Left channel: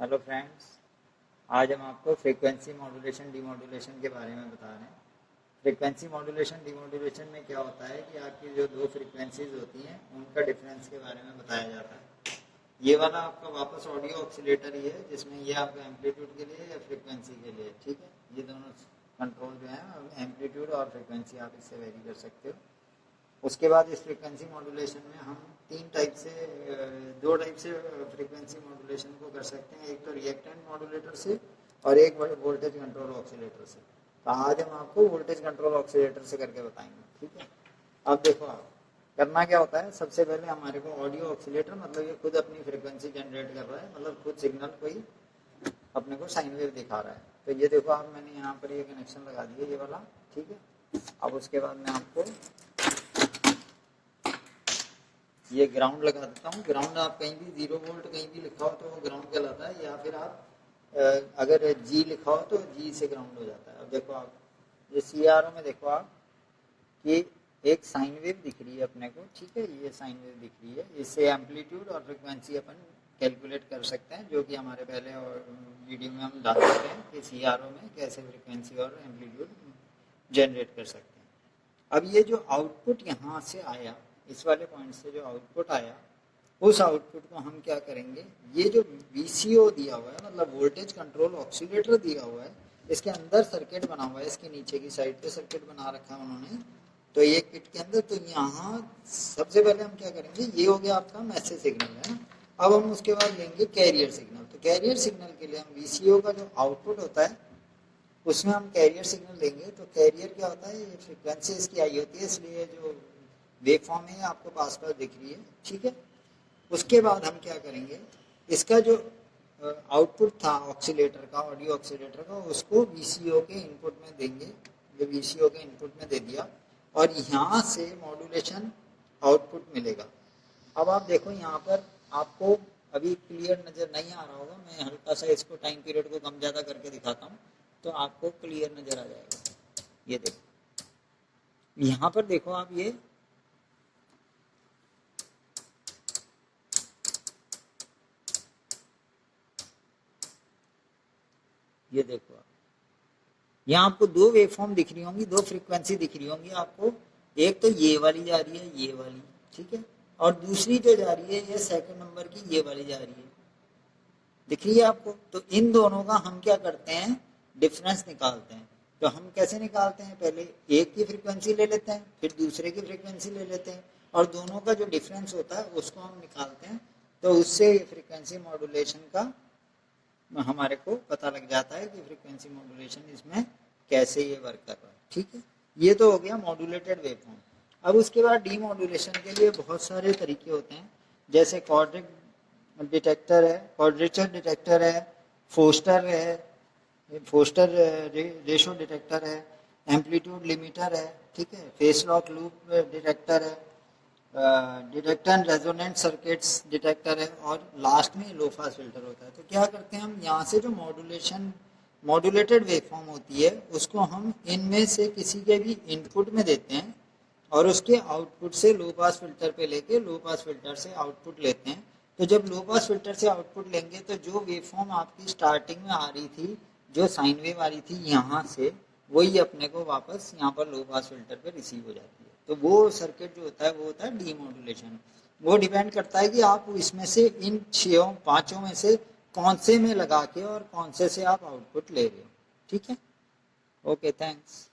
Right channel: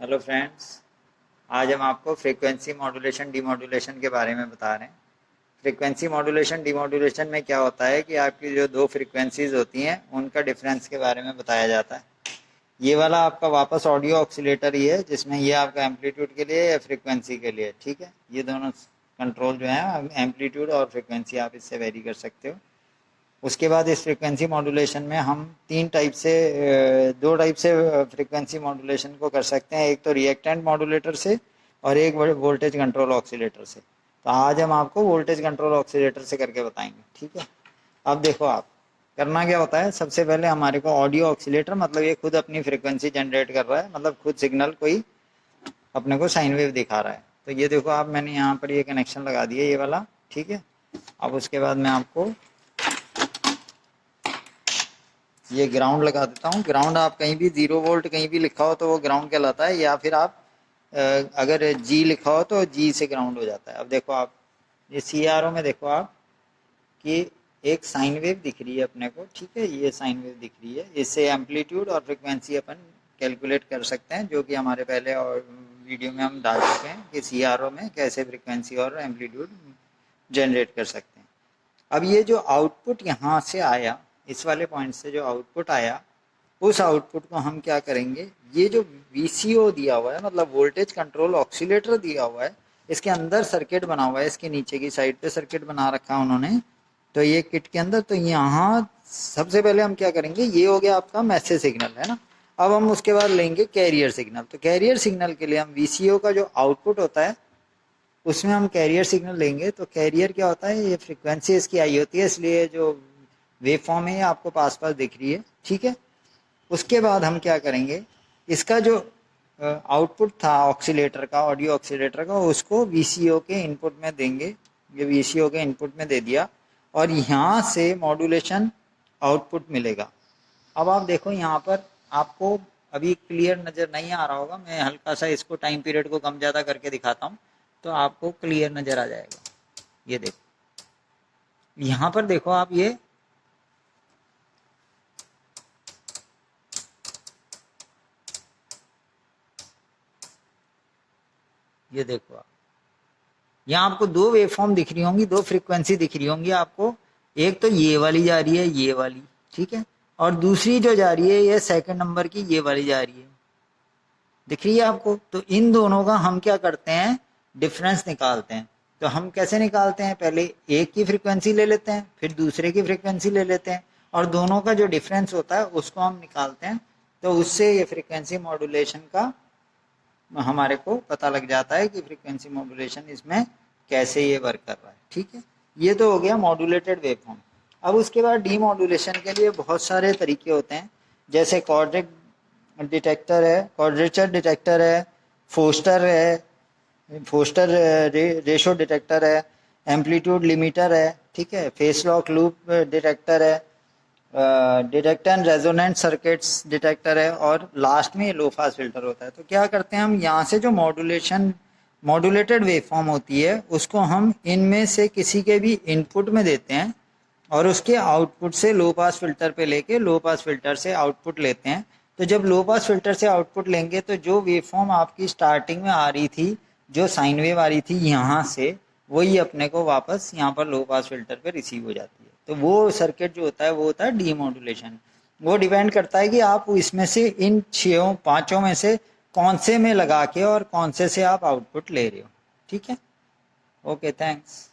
Hello friends, आज हम आपको फ्रीक्वेंसी मॉड्यूलेशन डीमॉड्यूलेशन के बारे में बता रहे हैं। फ्रीक्वेंसी मॉड्यूलेशन डीमॉड्यूलेशन में क्या होता है कि आपकी जो दो फ्रीक्वेंसीज होती हैं उनका डिफरेंस के बारे में बताया जाता है। ये वाला आपका वापस ऑडियो ऑक्सीलेटर ही है, जिसमें ये आपका एम्पलीट्यूड के लिए या फ्रीक्वेंसी के लिए, ठीक है। ये दोनों कंट्रोल जो है एम्पलीट्यूड और फ्रीक्वेंसी आप इससे वेरी कर सकते हो। उसके बाद इस फ्रीक्वेंसी मॉड्यूलेशन में हम दो टाइप से फ्रीक्वेंसी मॉड्यूलेशन को कर सकते हैं। एक तो रिएक्टेंट मॉड्यूलेटर से और एक वोल्टेज कंट्रोल ऑक्सीलेटर से। तो आज हम आपको वोल्टेज कंट्रोल ऑक्सीलेटर से करके बताएंगे, ठीक है। अब देखो, आप करना क्या होता है, सबसे पहले हमारे को ऑडियो ऑक्सीलेटर, मतलब ये खुद अपनी फ्रीक्वेंसी जनरेट कर रहा है, मतलब खुद सिग्नल कोई अपने को साइन वेव दिखा रहा है। तो ये देखो आप, मैंने यहाँ पर ये कनेक्शन लगा दिया, ये वाला, ठीक है। अब उसके बाद मैं आपको ये ग्राउंड लगा देता हूँ। ग्राउंड आप कहीं भी 0 वोल्ट कहीं भी लिखा हो तो वो ग्राउंड कहलाता है, या फिर आप अगर जी लिखा हो तो जी से ग्राउंड हो जाता है। अब देखो आप, ये CRO में देखो आप कि एक साइन वेव दिख रही है अपने को, ठीक है। ये साइन वेव दिख रही है, इससे एम्पलीट्यूड और फ्रिक्वेंसी अपन कैलकुलेट कर सकते हैं, जो कि हमारे पहले और वीडियो में हम डाल चुके हैं कि CRO में कैसे फ्रिक्वेंसी और एम्पलीट्यूड जनरेट कर सकते हैं। अब ये जो आउटपुट यहाँ से आया, इस वाले पॉइंट से जो आउटपुट आया, उस आउटपुट को हम क्या करेंगे, ये जो VCO दिया हुआ है, मतलब वोल्टेज कंट्रोल ऑक्सीलेटर दिया हुआ है, इसके अंदर सर्किट बना हुआ है, इसके नीचे की साइड पे सर्किट बना रखा है उन्होंने। तो ये किट के अंदर, तो यहाँ सबसे पहले हम क्या करेंगे, ये हो गया आपका मैसेज सिग्नल, है ना। अब हम उसके बाद लेंगे कैरियर सिग्नल। तो कैरियर सिग्नल के लिए हम VCO का जो आउटपुट होता है उसमें हम कैरियर सिग्नल लेंगे। तो कैरियर क्या होता है, ये फ्रिक्वेंसी इसकी आई होती है, इसलिए जो वेव फॉर्म है ये आपको पास पास दिख रही है, ठीक है। उसके बाद हम क्या करेंगे, इसका जो आउटपुट था ऑक्सीलेटर का, ऑडियो ऑक्सीलेटर का, उसको VCO के इनपुट में देंगे। ये VCO के इनपुट में दे दिया और यहाँ से मॉड्यूलेशन आउटपुट मिलेगा। अब आप देखो, यहाँ पर आपको अभी क्लियर नज़र नहीं आ रहा होगा, मैं हल्का सा इसको टाइम पीरियड को कम ज़्यादा करके दिखाता हूँ तो आपको क्लियर नज़र आ जाएगा। ये देखो, यहाँ पर देखो आप, ये देखो आप, यहाँ आपको दो वेव फॉर्म दिख रही होंगी, दो फ्रीक्वेंसी दिख रही होंगी आपको। एक तो ये वाली जा रही है, ये वाली, ठीक है, और दूसरी जो जा रही है ये सेकंड नंबर की, ये वाली जा रही है, दिख रही है आपको। तो इन दोनों का हम क्या करते हैं, डिफरेंस निकालते हैं। तो हम कैसे निकालते हैं, पहले एक की फ्रीक्वेंसी ले लेते हैं, फिर दूसरे की फ्रीक्वेंसी ले लेते हैं, और दोनों का जो डिफरेंस होता है उसको हम निकालते हैं। तो उससे ये फ्रीक्वेंसी मॉड्यूलेशन का हमारे को पता लग जाता है कि फ्रीक्वेंसी मॉड्यूलेशन इसमें कैसे ये वर्क कर रहा है, ठीक है। ये तो हो गया मॉड्यूलेटेड वेवफॉर्म। अब उसके बाद डीमॉड्यूलेशन के लिए बहुत सारे तरीके होते हैं, जैसे क्वाड्रिक डिटेक्टर है, क्वाड्रेचर डिटेक्टर है, फोस्टर है, फोस्टर रेशो डिटेक्टर है, एम्पलीट्यूड लिमिटर है, ठीक है, फेस लॉक लूप डिटेक्टर है, detector and resonant circuits detector है, और लास्ट में लो पास फिल्टर होता है। तो क्या करते हैं हम, यहाँ से जो मॉड्यूलेटेड वेवफॉर्म होती है उसको हम इनमें से किसी के भी इनपुट में देते हैं, और उसके आउटपुट से लो पास फिल्टर पे लेके लो पास फिल्टर से आउटपुट लेते हैं। तो जब लो पास फिल्टर से आउटपुट लेंगे तो जो वेवफॉर्म आपकी स्टार्टिंग में आ रही थी, जो साइन वेव आ रही थी यहाँ से, वही अपने को वापस यहाँ पर लो पास फिल्टर पे रिसीव हो जाती है। तो वो सर्किट जो होता है वो होता है डीमॉड्यूलेशन। वो डिपेंड करता है कि आप इसमें से इन 6-5 में से कौन से में लगा के और कौन से आप आउटपुट ले रहे हो, ठीक है। Okay, thanks.